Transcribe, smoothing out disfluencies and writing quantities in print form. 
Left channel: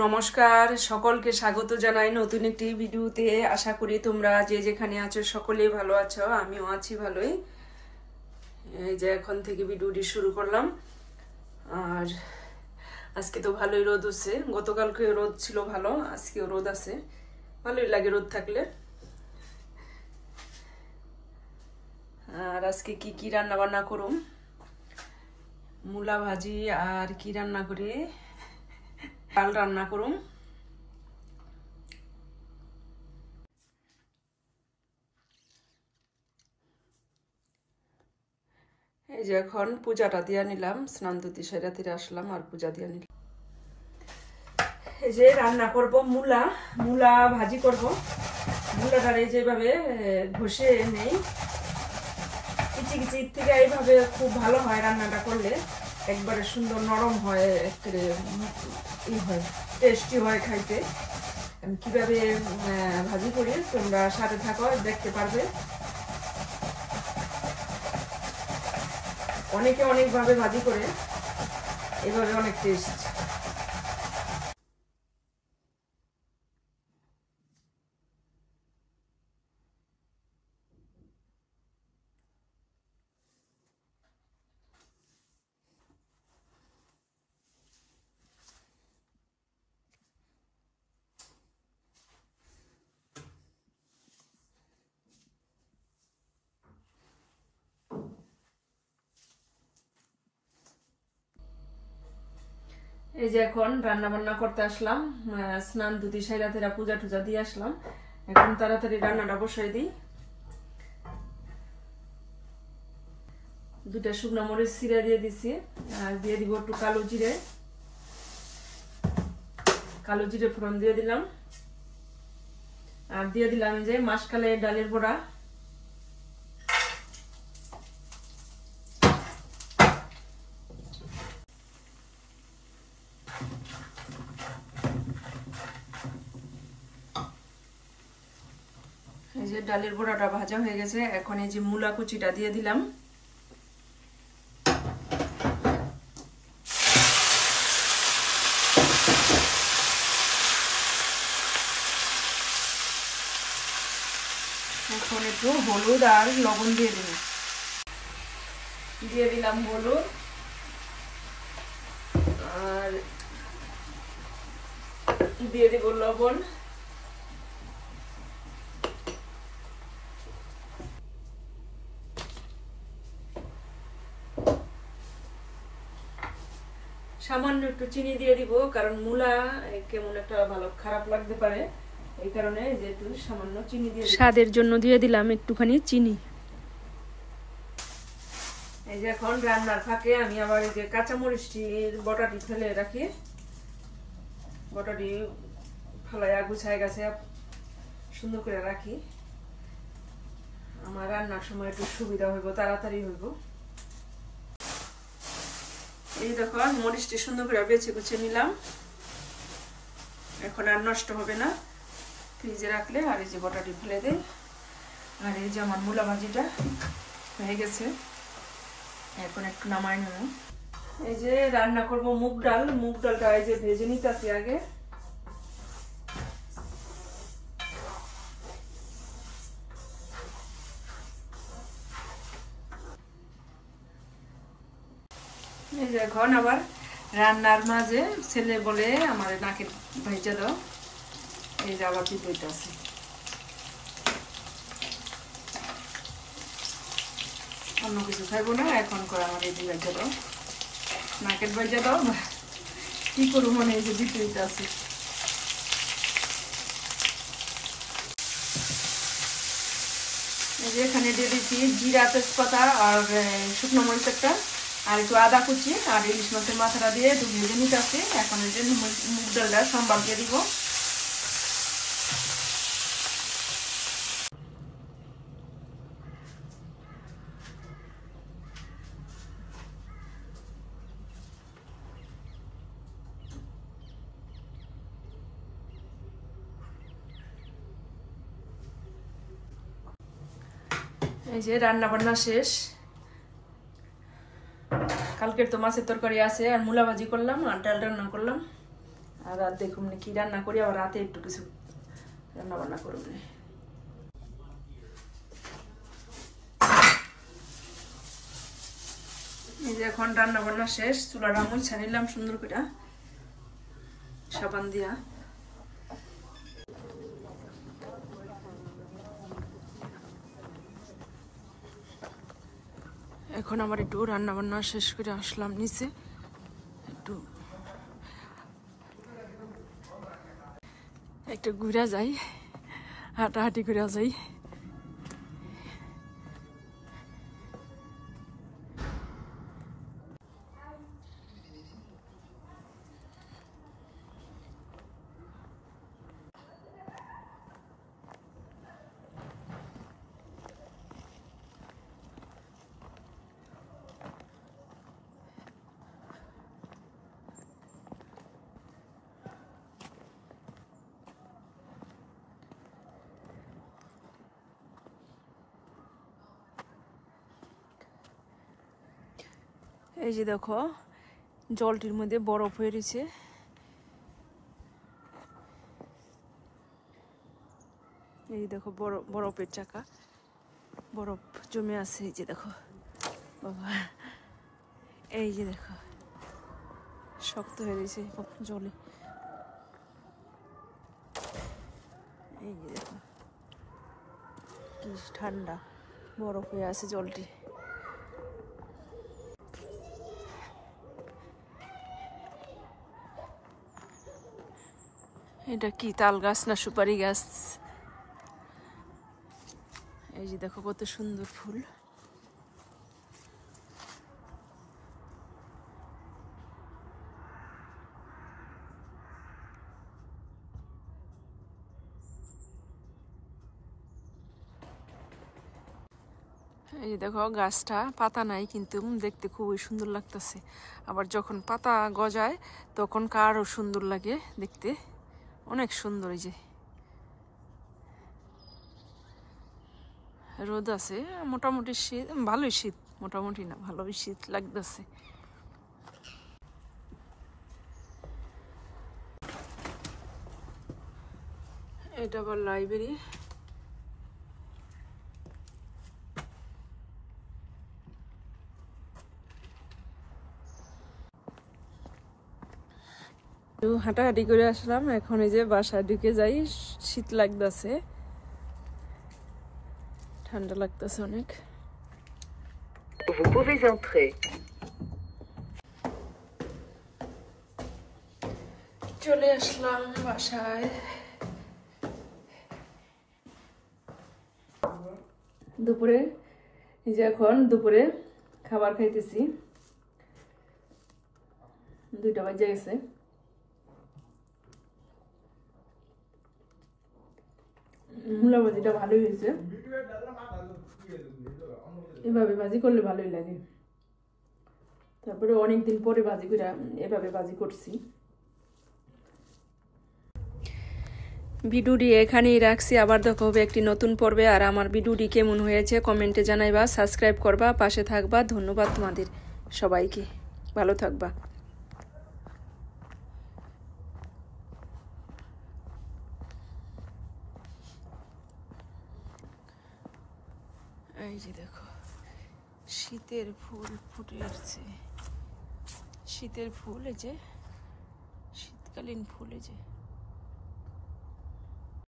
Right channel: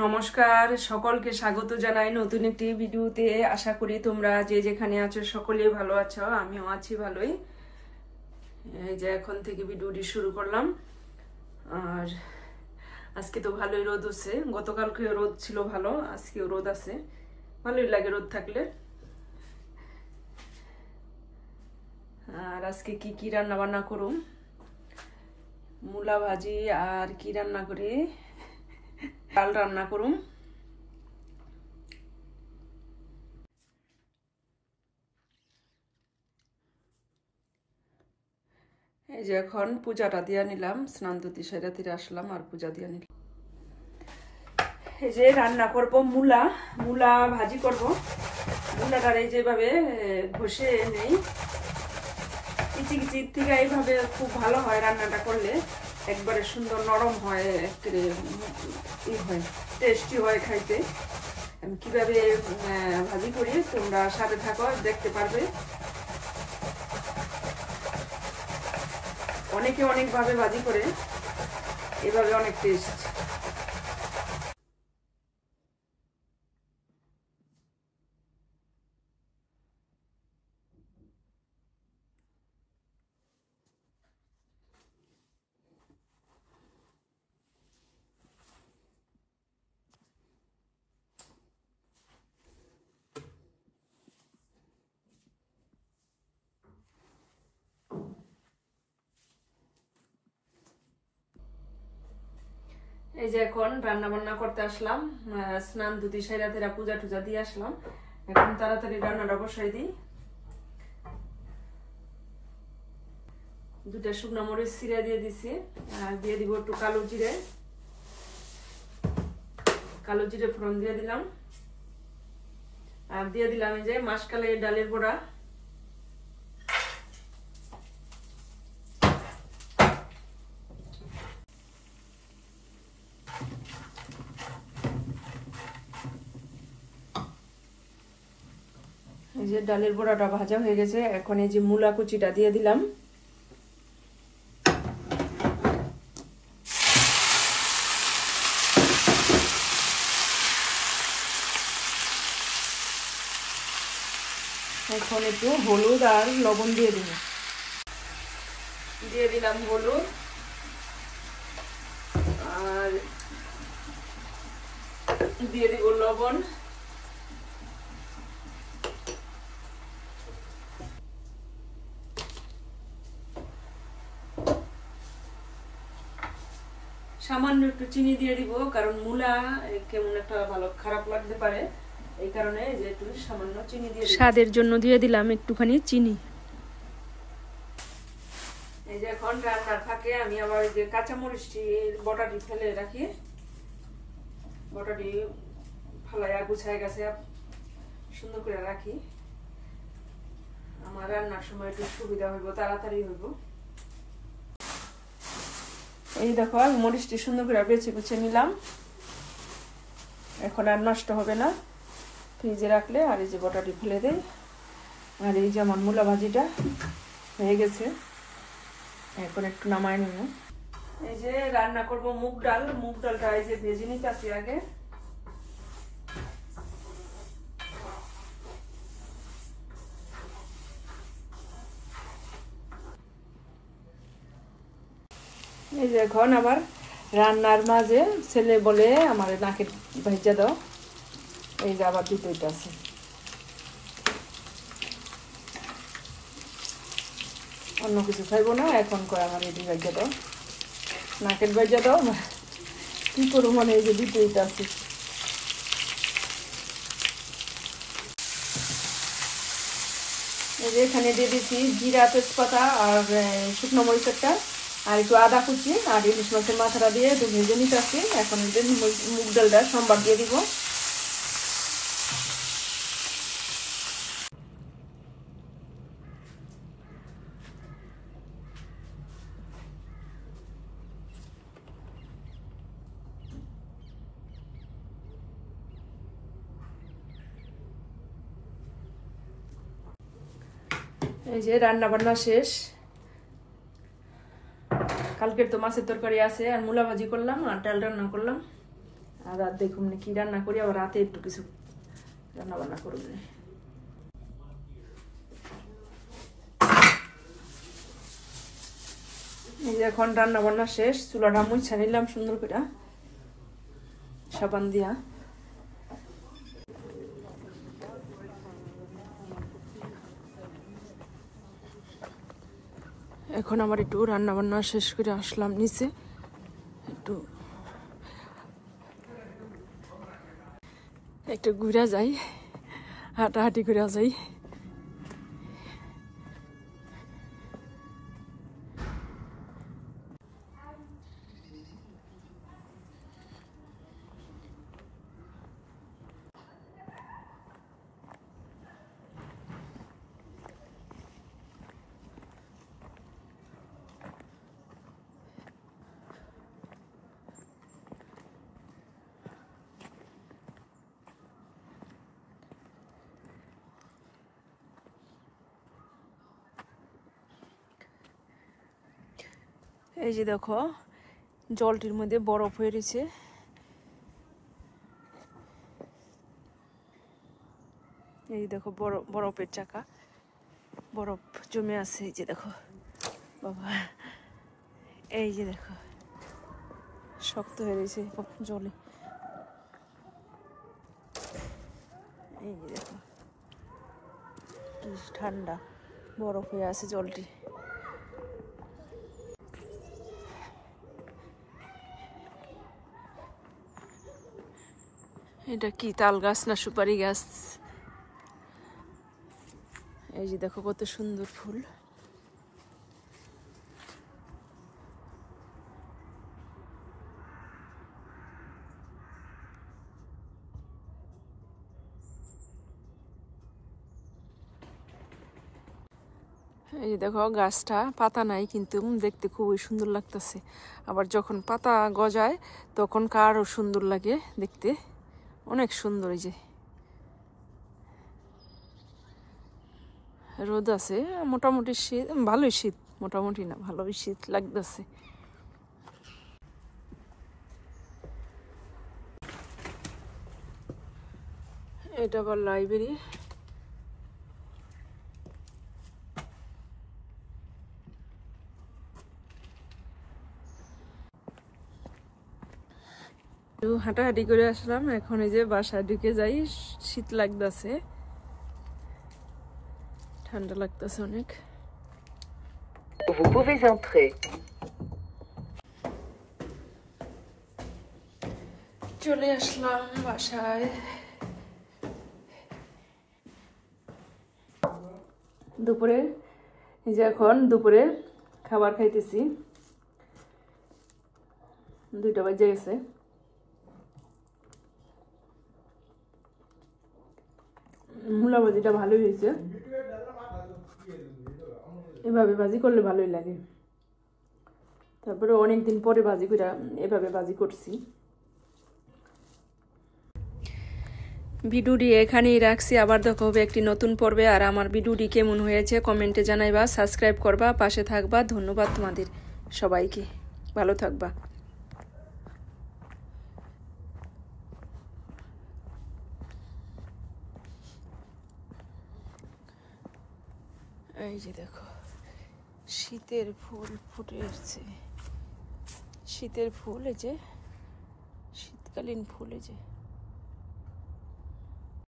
নমস্কার, সকলকে স্বাগত জানাই নতুন একটি ভিডিওতে। আশা করি তোমরা যে যেখানে আছো সকলেই ভালো আছো, আমিও আছি ভালোই। এই যে এখন থেকে ভিডিওটি শুরু করলাম। আর আজকে তো ভালোই রোদ আছে, গতকালকে রোদ ছিল ভালো, আজকেও রোদ আছে, ভালোই লাগে রোদ থাকলে। আর আজকে কি কি রান্না বান্না করুম, মূলা ভাজি আর কি রান্না করি, ডাল রান্না করুম। এই যে এখন পূজাটা দিয়ে নিলাম, স্নান ধুতি সেরা তীরে আসলাম আর পূজা দিয়ে নিলাম। এই যে রান্না করব মূলা ভাজি করব। মূলাটার এই যেভাবে ঘষে নেই, কিচি কিচি থেকে এইভাবে খুব ভালো হয় রান্নাটা করলে, একবারে সুন্দর নরম হয়, হয় টেস্টি হয় খাইতে। আমি কিভাবে ভাজি করি তোমরা সাথে থাকো, দেখতে পারবে। অনেকে অনেকভাবে ভাজি করে, এভাবে অনেক টেস্ট। এই যে এখন রান্না বান্না করতে আসলাম, স্নান ধুতি সাইরা তেরা পূজা টুজা দিয়ে আসলাম। এখন তাড়াতাড়ি রান্নাটা বসাই দিই। দুটা শুকনো মরিচ ছিঁড়ে দিয়ে দিছি, আর দিয়ে দিব একটু কালো জিরে ফোড়ন দিয়ে দিলাম। আর দিয়ে দিলাম যে মাসকালে ডালের বড়া। এই যে ডালের বড়াটা ভাজা হয়ে গেছে, এখন এই যে মূলা কুচিটা দিয়ে দিলাম। এখন একটু হলুদ আর লবণ দিয়ে দিব। দিয়ে দিলাম হলুদ আর দিয়ে দিব লবণ। সামান্য একটু চিনি দিয়ে দিব, কারণ মূলা কেমন একটা ভালো খারাপ লাগতে পারে, এই কারণে যে একটু সামান্য চিনি দিয়ে স্বাদের জন্য দিয়ে দিলাম একটুখানি চিনি। এই যে এখন রান্নার ফাঁকে আমি আবার এই যে কাঁচামরিচটির বটাটি ফেলে রাখি, বটাটি ফেলাইয়া গুছায় গেছে সুন্দর করে রাখি, আমার রান্নার সময় একটু সুবিধা হইব, তাড়াতাড়ি হইব। এই দেখো মরিচটি সুন্দর করে বেছে বেছে নিলাম, এখন আর নষ্ট হবে না, ফ্রিজে রাখলে। আর এই যে বটাটি ফেলে দেয়। আর এই যে আমার মূলা ভাজিটা হয়ে গেছে, এখন একটু নামাই নেব। এই যে রান্না করব মুগ ডালটা এই যে ভেজে নিতেছি আগে। এই যে এখন আমার রান্নার মাঝে ছেলে বলে আমার নাকে ভাইজা দাও, এই যে আবার দিতে আছে। অন্য কিছু খাইবো না, এখন করে আমার এই ভাইজা দাও, নাকের ভাইজা দাও, কি করবো মানে এই যে দিতে আছে। এই যে এখানে দিয়ে দিচ্ছি জিরা, তেজপাতা আর শুকনো মরিচ একটা, আর একটু আদা কুচি, আর ইলিশ মাছের মাথাটা দিয়ে একটু ভেজে নিতে আসি। এখন মুগ ডালটা সম্বার দিয়ে দিব। এই যে রান্না বান্না শেষ, কালকের তো মাছের তরকারি আছে, আর মূলা ভাজি করলাম আর ডাল রান্না করলাম। আর রাত দেখুন কি রান্না করি, আবার রাতে একটু কিছু রান্না বান্না করুন। এখন রান্না বান্না শেষ, চুলাটা মুছা নিলাম সুন্দর করে সাবান দিয়া। এখন আমার একটু রান্না বান্না শেষ করে আসলাম নিচে, একটু ঘুরা যাই, হাঁটাহাঁটি করে যাই। এই যে দেখো জলটির মধ্যে বরফ হয়ে রয়েছে। এই দেখো বরফের চাকা, বরফ জমে আছে। এই যে দেখো বাবা, এই যে দেখো শক্ত হয়ে রয়েছে জলে। এই যে দেখো কি ঠান্ডা, বরফ হয়ে আছে জলটি। এটা কি তাল গাছ না সুপারি গাছ? এই যে দেখো কত সুন্দর ফুল। এই দেখো গাছটা পাতা নাই, কিন্তু দেখতে খুবই সুন্দর লাগতেছে। আবার যখন পাতা গজায় তখন আরো সুন্দর লাগে দেখতে, অনেক সুন্দর। এই যে রোদ আছে, মোটামুটি শীত, ভালোই শীত, মোটামুটি না ভালোই শীত লাগতেছে। এটা আবার লাইব্রেরি। হাঁটাহাঁটি করে আসলাম, এখন এই যে বাসায় ঢুকে যাই। শীত লাগতেছে, ঠান্ডা লাগতেছে অনেক। চলে আসলাম বাসায়। দুপুরে এই যে এখন দুপুরে খাবার খাইতেছি, 2টা বাজে গেছে। মূলা ভাজিটা ভালোই হয়েছে, এভাবে ভাজি করলে ভালোই লাগে। তারপরে অনেকদিন পরে ভাজি করে এভাবে ভাজি করছি। ভিডিওটি এখানেই রাখছি, আবার দেখা হবে একটি নতুন পর্বে। আর আমার ভিডিওটি কেমন হয়েছে কমেন্টে জানাইবা, সাবস্ক্রাইব করবা, পাশে থাকবা। ধন্যবাদ তোমাদের সবাইকে, ভালো থাকবা। এই যে দেখো শীতের ফুল ফুটে আসছে, শীতের ফুল, এই যে শীতকালীন ফুল, এই যে